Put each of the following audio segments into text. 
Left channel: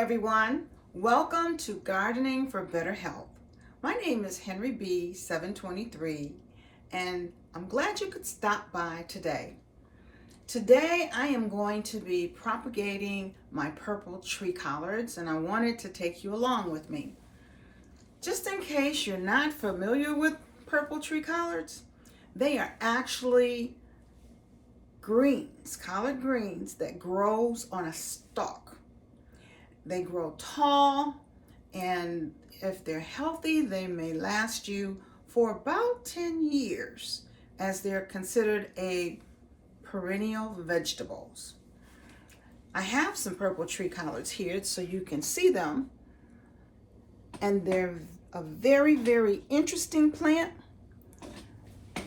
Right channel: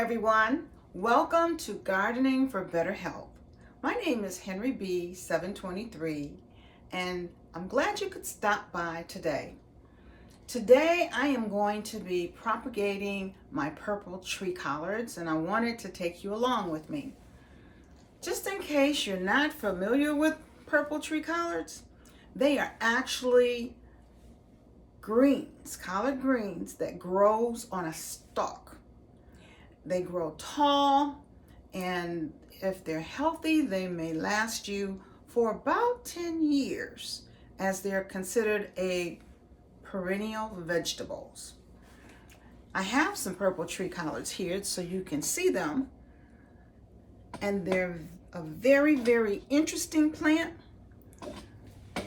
everyone. Welcome to Gardening for Better Health. My name is Henry B. 723, and I'm glad you could stop by today. Today, I am going to be propagating my purple tree collards, and I wanted to take you along with me. Just in case you're not familiar with purple tree collards, they are actually greens, collard greens that grows on a stalk. They grow tall, and if they're healthy, they may last you for about 10 years, as they're considered a perennial vegetables. I have some purple tree collards here so you can see them, and they're a very, very interesting plant.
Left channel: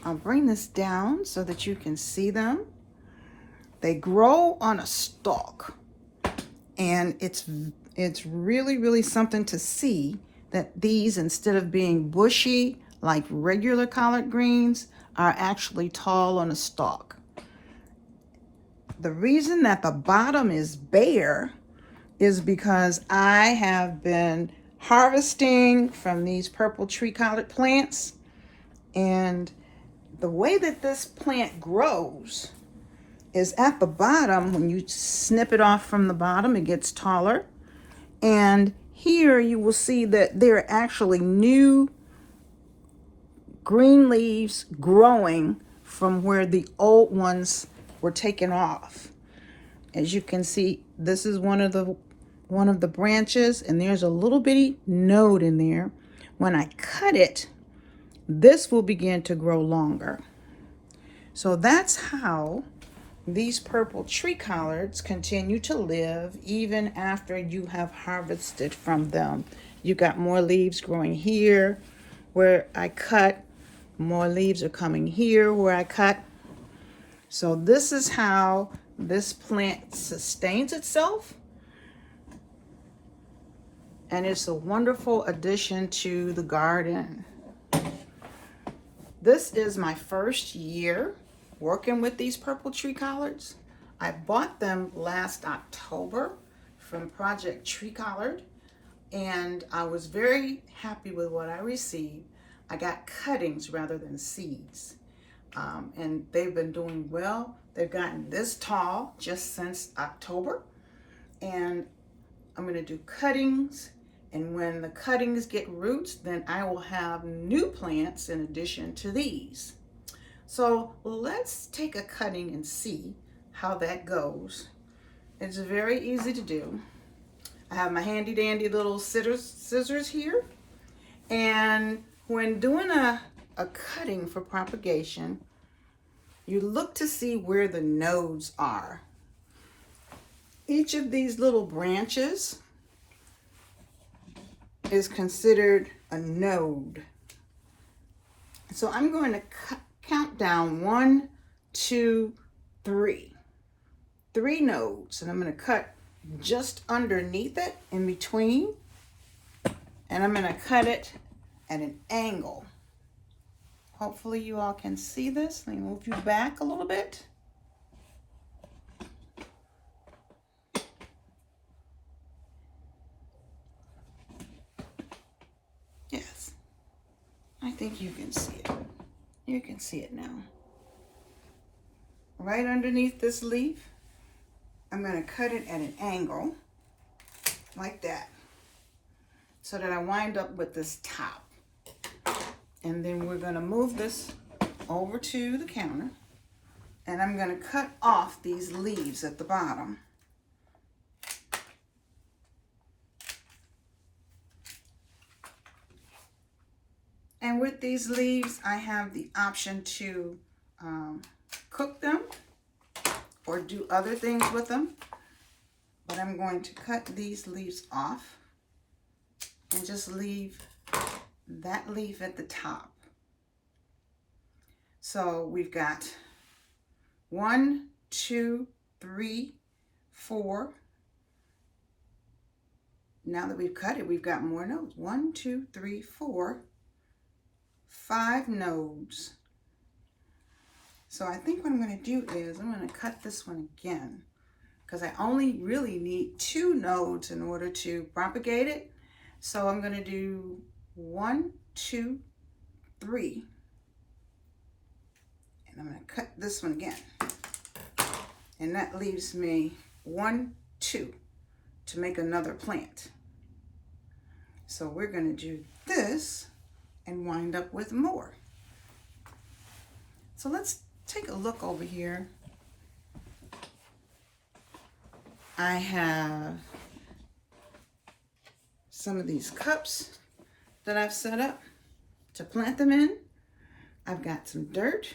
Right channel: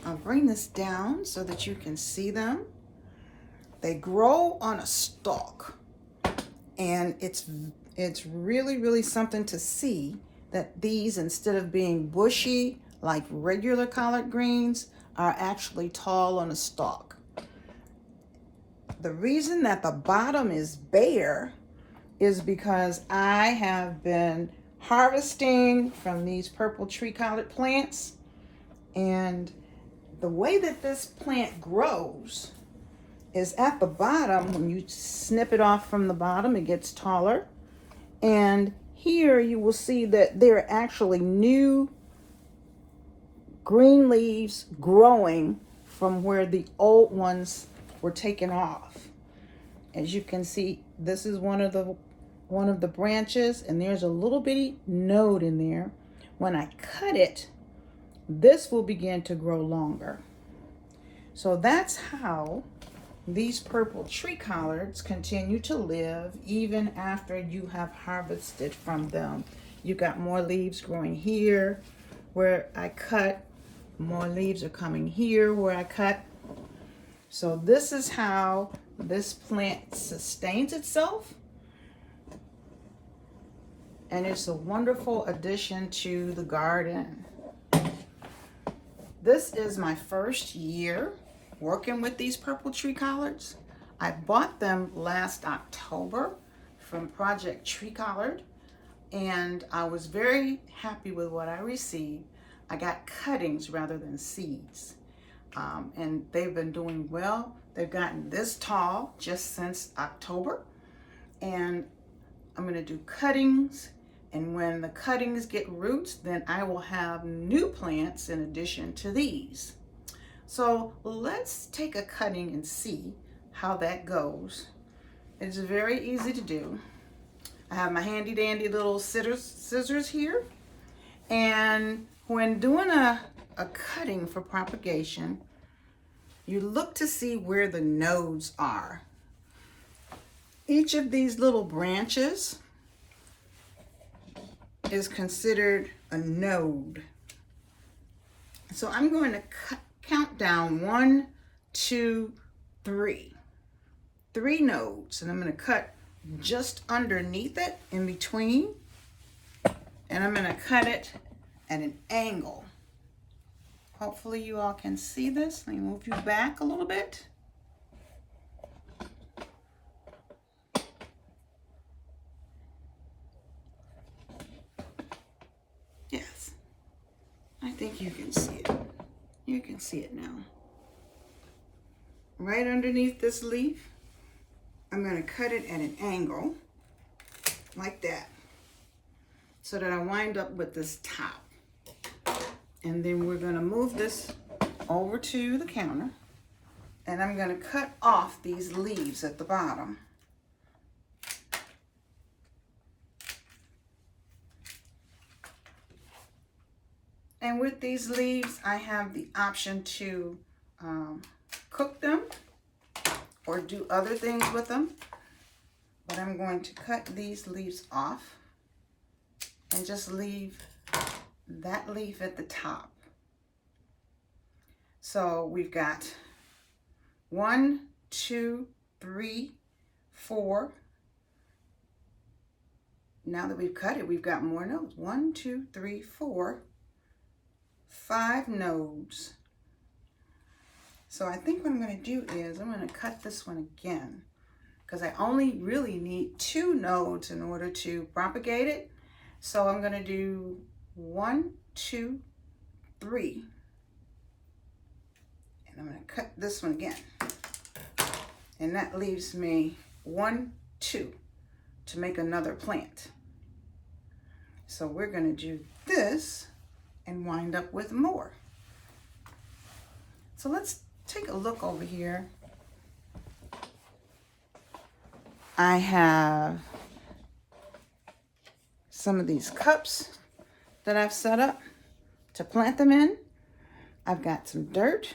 I'll bring this down so that you can see them. They grow on a stalk, and it's really, really something to see that these, instead of being bushy like regular collard greens, are actually tall on a stalk. The reason that the bottom is bare is because I have been harvesting from these purple tree collard plants, and the way that this plant grows is at the bottom. When you snip it off from the bottom, it gets taller. And here you will see that there are actually new green leaves growing from where the old ones were taken off. As you can see, this is one of the branches, and there's a little bitty node in there. When I cut it, this will begin to grow longer. So that's how these purple tree collards continue to live even after you have harvested from them. You got more leaves growing here where I cut, more leaves are coming here where I cut. So this is how this plant sustains itself, and it's a wonderful addition to the garden. This is my first year working with these purple tree collards. I bought them last October from Project Tree Collard, and I was very happy with what I received. I got cuttings rather than seeds, and they've been doing well. They've gotten this tall just since October, and I'm going to do cuttings, and when the cuttings get roots, then I will have new plants in addition to these. So let's take a cutting and see how that goes. It's very easy to do. I have my handy dandy little scissors here. And when doing a cutting for propagation, you look to see where the nodes are. Each of these little branches is considered a node. So I'm going to count down 1, 2, 3. 3 nodes, and I'm going to cut just underneath it, in between, and I'm going to cut it at an angle. Hopefully you all can see this. Let me move you back a little bit. Yes, I think you can see it. You can see it now. Right underneath this leaf, I'm going to cut it at an angle like that, so that I wind up with this top. And then we're going to move this over to the counter, and I'm going to cut off these leaves at the bottom. And with these leaves, I have the option to cook them or do other things with them. But I'm going to cut these leaves off and just leave that leaf at the top. So we've got 1, 2, 3, 4. Now that we've cut it, we've got more nodes. 1, 2, 3, 4, 5 nodes. So I think what I'm going to do is I'm going to cut this one again. because I only really need 2 nodes in order to propagate it. So I'm going to do 1, 2, 3. And I'm going to cut this one again. And that leaves me 1, 2 to make another plant. So we're going to do this and wind up with more. So let's take a look over here. I have some of these cups that I've set up to plant them in. I've got some dirt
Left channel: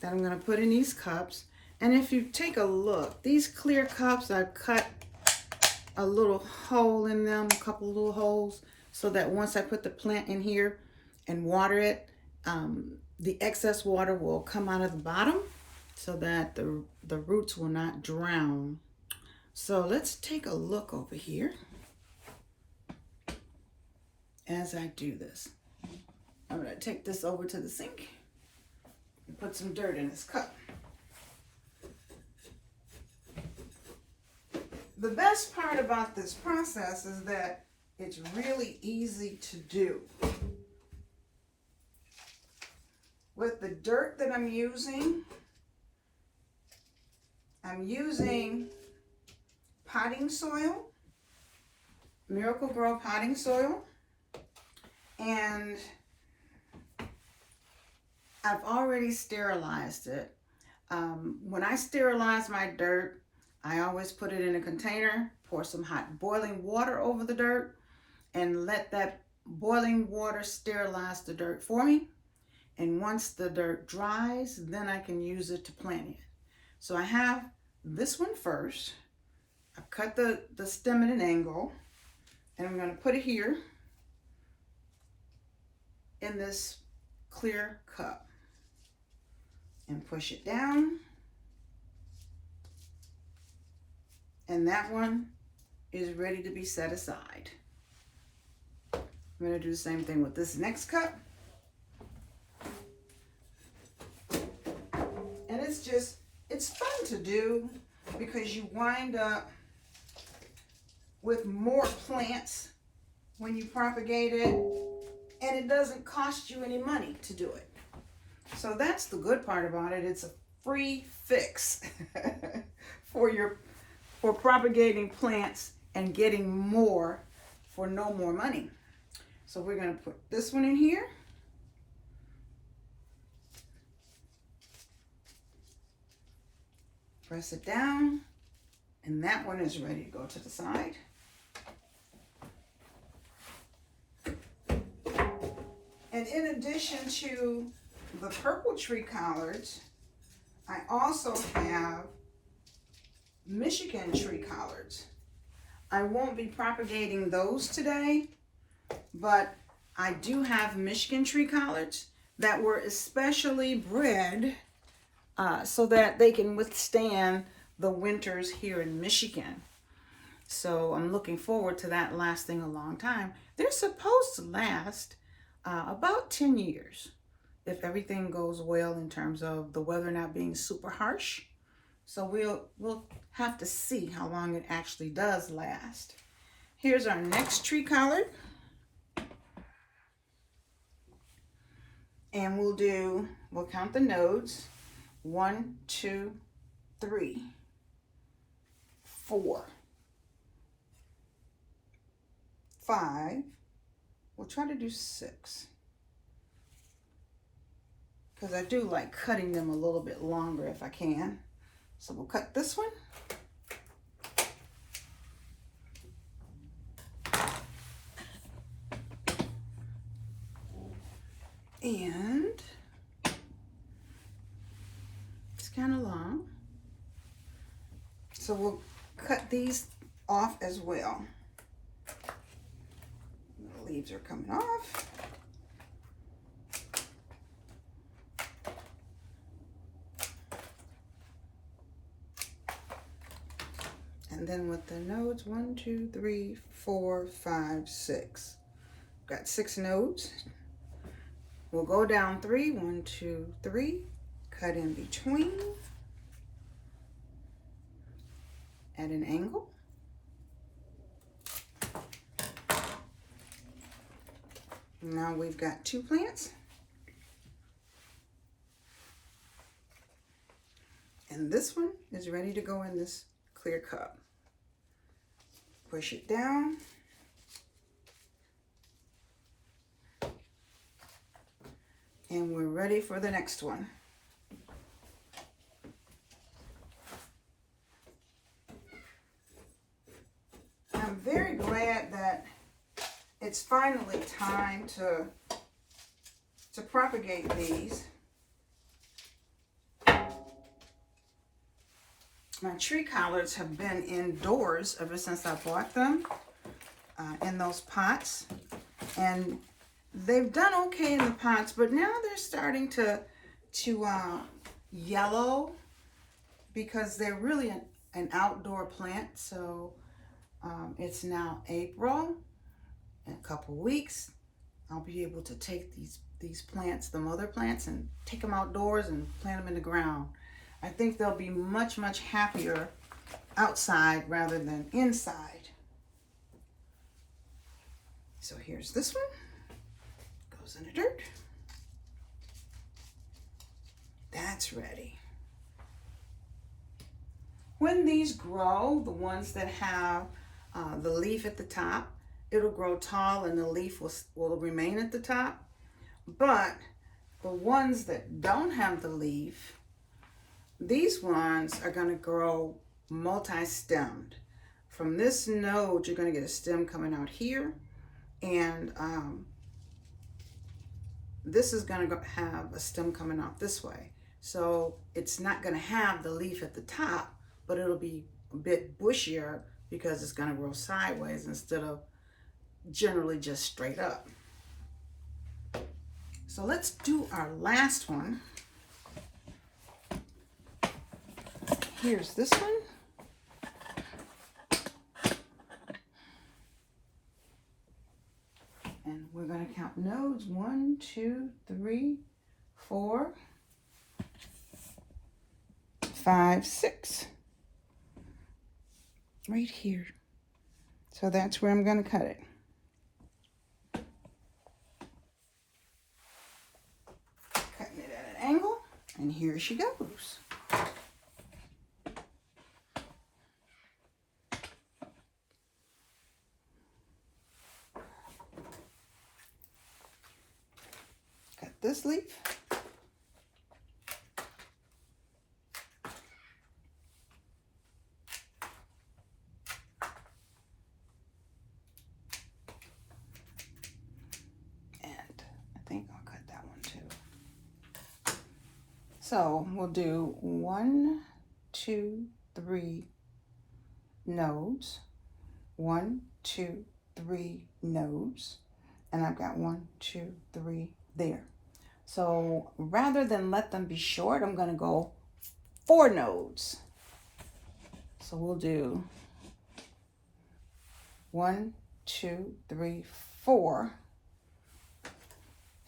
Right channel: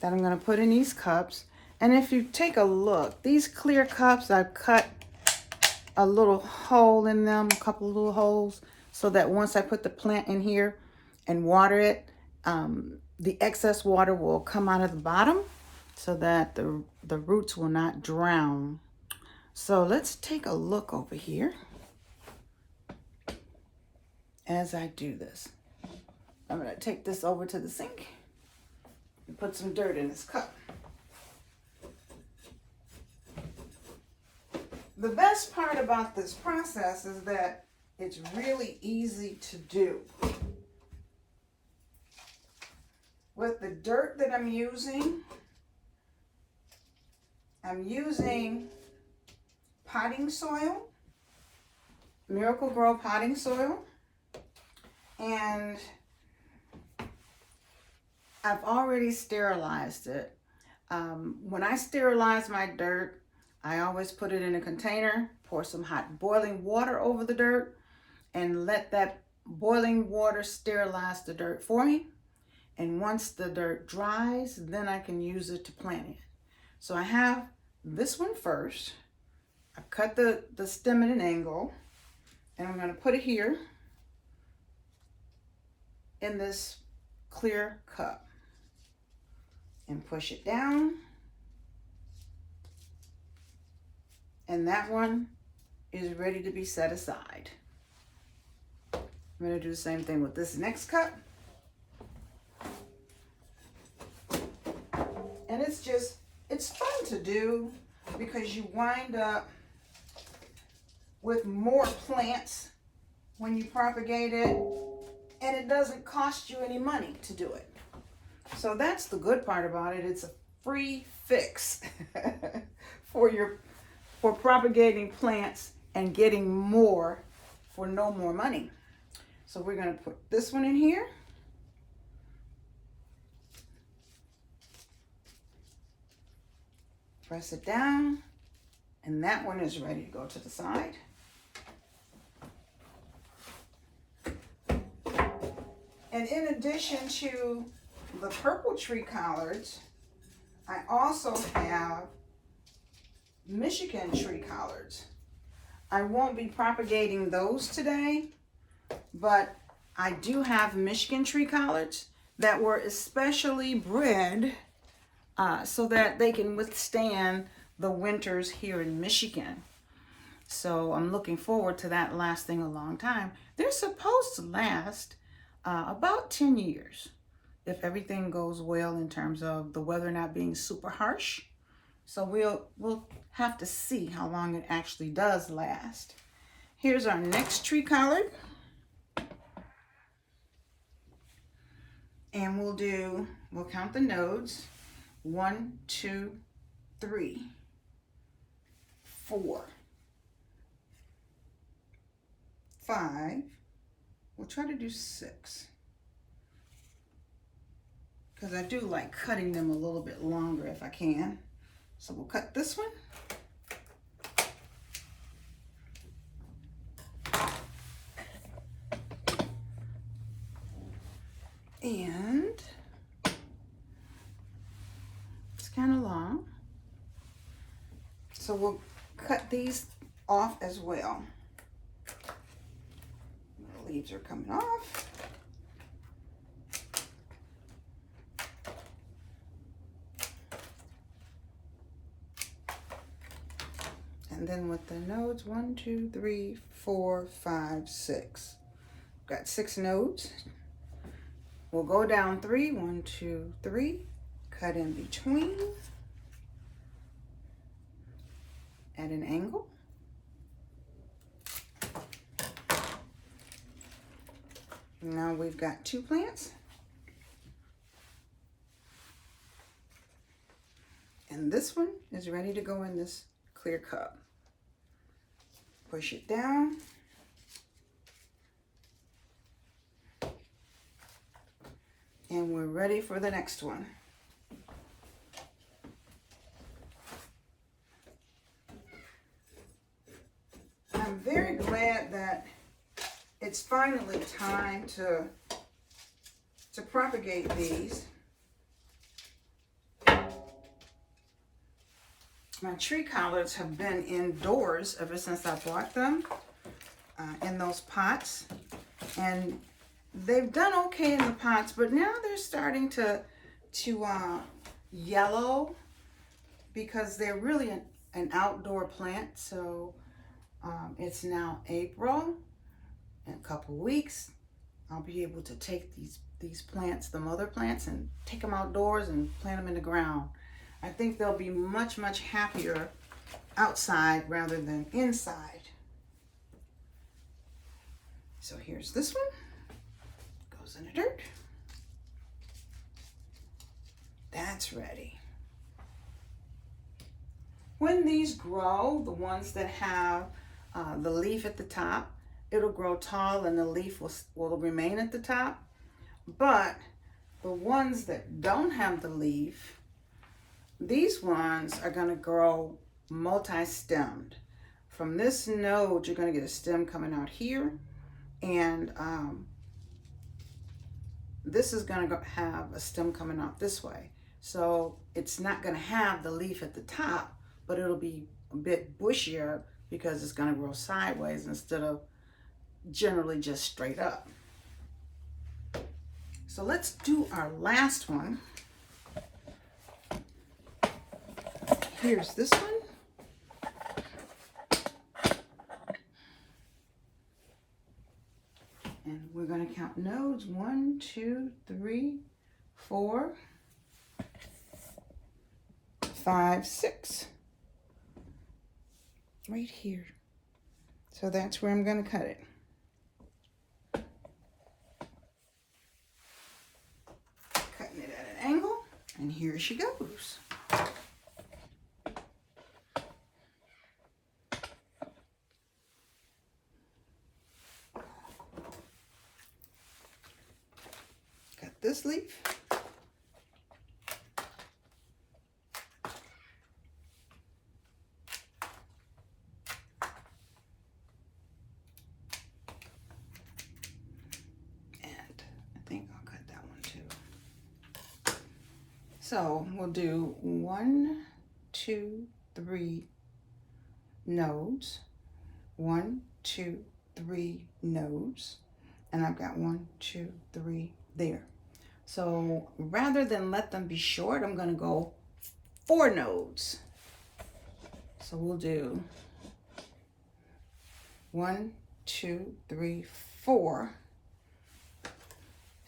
that I'm going to put in these cups. And if you take a look, these clear cups, I've cut a little hole in them, a couple little holes, so that once I put the plant in here and water it, the excess water will come out of the bottom so that the roots will not drown. So let's take a look over here as I do this. I'm going to take this over to the sink and put some dirt in this cup. The best part about this process is that it's really easy to do. With the dirt that I'm using potting soil, Miracle Grow potting soil, and I've already sterilized it. When I sterilize my dirt, I always put it in a container, pour some hot boiling water over the dirt, and let that boiling water sterilize the dirt for me. And once the dirt dries, then I can use it to plant it. So I have this one first. I've cut the stem at an angle, and I'm going to put it here in this clear cup and push it down. And that one is ready to be set aside. I'm going to do the same thing with this next cup. And it's fun to do because you wind up with more plants when you propagate it, and it doesn't cost you any money to do it. So that's the good part about it. It's a free fix for propagating plants and getting more for no more money. So we're going to put this one in here. Press it down, and that one is ready to go to the side. And in addition to the purple tree collards, I also have Michigan tree collards. I won't be propagating those today, but I do have Michigan tree collards that were especially bred so that they can withstand the winters here in Michigan. So I'm looking forward to that lasting a long time. They're supposed to last about 10 years if everything goes well in terms of the weather not being super harsh. So we'll have to see how long it actually does last. Here's our next tree collard. And we'll count the nodes. 1, 2, 3, 4, 5. We'll try to do 6. Because I do like cutting them a little bit longer if I can. So we'll cut this one. And it's kind of long. So we'll cut these off as well. The leaves are coming off. And then with the nodes, 1, 2, 3, 4, 5, 6. Got 6 nodes. We'll go down 3, 1, 2, 3, cut in between. at an angle. Now we've got 2 plants. And this one is ready to go in this clear cup. Push it down. And we're ready for the next one. I'm very glad that it's finally time to propagate these. My tree collards have been indoors ever since I bought them in those pots. And they've done okay in the pots, but now they're starting to yellow because they're really an outdoor plant. So it's now April. In a couple weeks, I'll be able to take these plants, the mother plants, and take them outdoors and plant them in the ground. I think they'll be much, much happier outside rather than inside. So here's this one. Goes in the dirt. That's ready. When these grow, the ones that have the leaf at the top, it'll grow tall and the leaf will remain at the top. But the ones that don't have the leaf, these ones are going to grow multi-stemmed. From this node, you're going to get a stem coming out here, and this is going to have a stem coming out this way. So it's not going to have the leaf at the top, but it'll be a bit bushier because it's going to grow sideways instead of generally just straight up. So let's do our last one. Here's this one. And we're going to count nodes. 1, 2, 3, 4, 5, 6. Right here. So that's where I'm going to cut it. Cutting it at an angle, and here she goes. Cut this leaf. So we'll do 1, 2, 3 nodes, 1, 2, 3 nodes, and I've got 1, 2, 3 there. So rather than let them be short, I'm going to go 4 nodes. So we'll do 1, 2, 3, 4,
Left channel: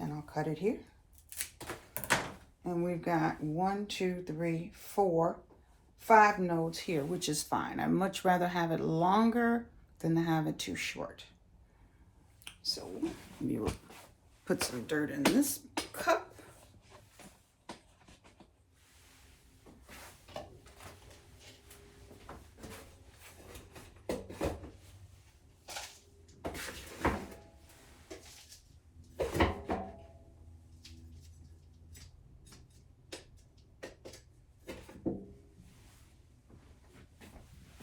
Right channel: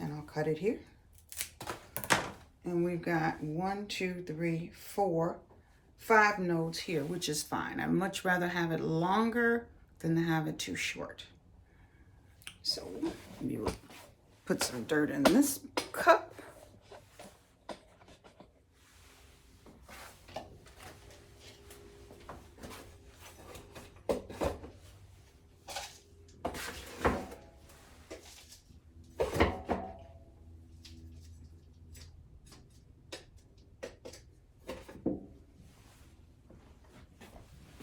and I'll cut it here. And we've got 1, 2, 3, 4, 5 nodes here, which is fine. I'd much rather have it longer than to have it too short. So you put some dirt in this cup.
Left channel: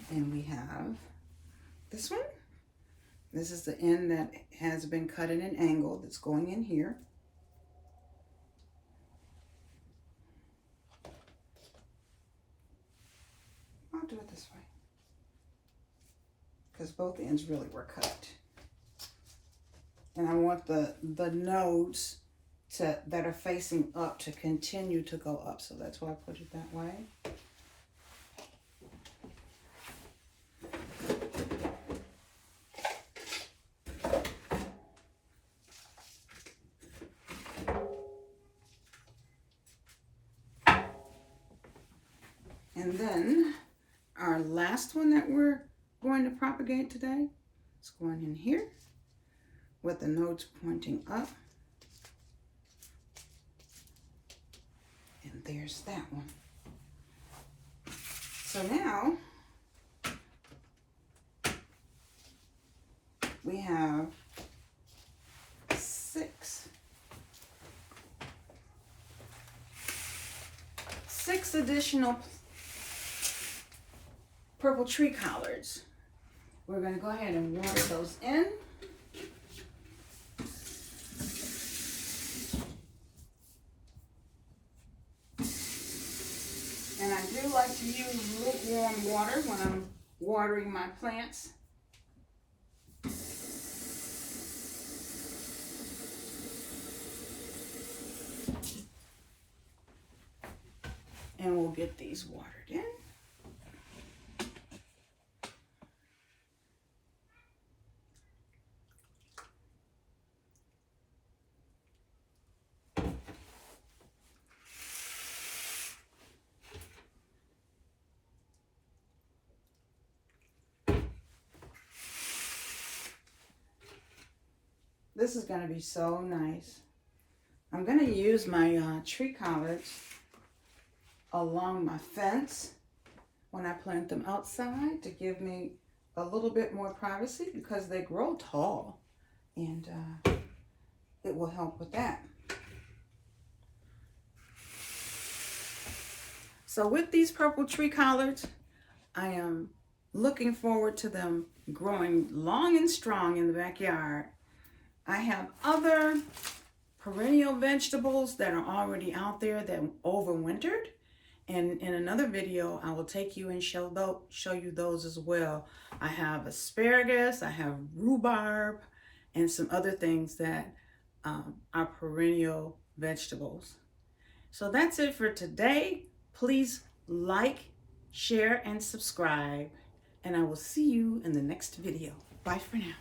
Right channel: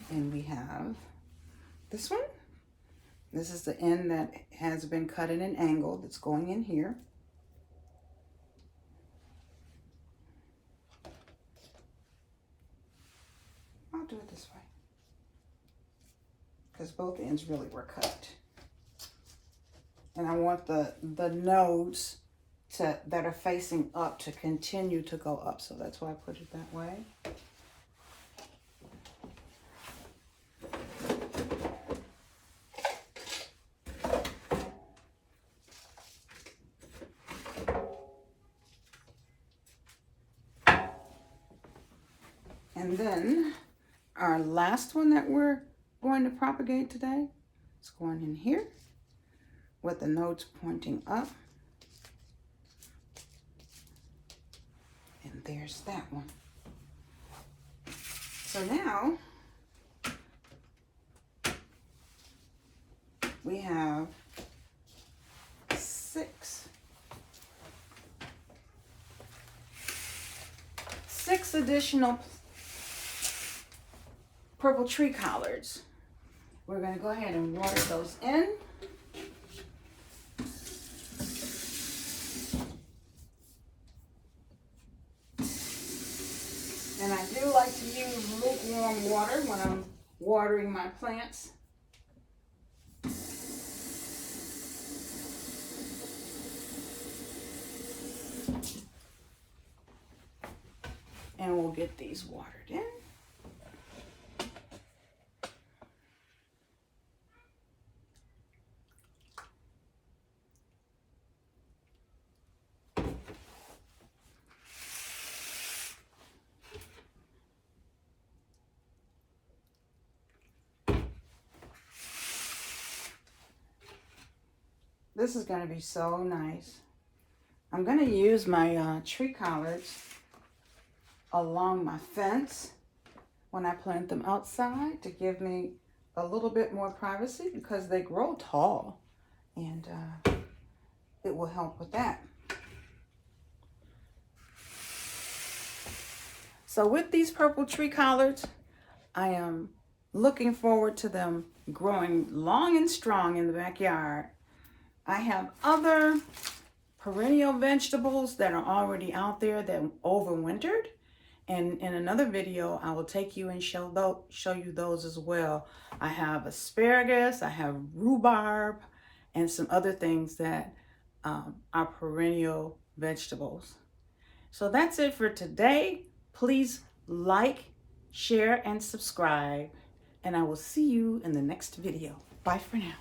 And we have this one. This is the end that has been cut in an angle that's going in here. I'll do it this way because both ends really were cut. And I want the nodes that are facing up to continue to go up. So that's why I put it that way. And then our last one that we're going to propagate today. It's going in here with the nodes pointing up. And there's that one. So now we have 6 additional purple tree collards. We're going to go ahead and water those in. And I do like to use lukewarm water when I'm watering my plants. And we'll get these watered in. This is going to be so nice. I'm going to use my tree collards along my fence when I plant them outside to give me a little bit more privacy because they grow tall, and it will help with that. So with these purple tree collards, I am looking forward to them growing long and strong in the backyard. I have other perennial vegetables that are already out there that overwintered. And in another video, I will take you and show you those as well. I have asparagus, I have rhubarb, and some other things that are perennial vegetables. So that's it for today. Please like, share, and subscribe. And I will see you in the next video. Bye for now.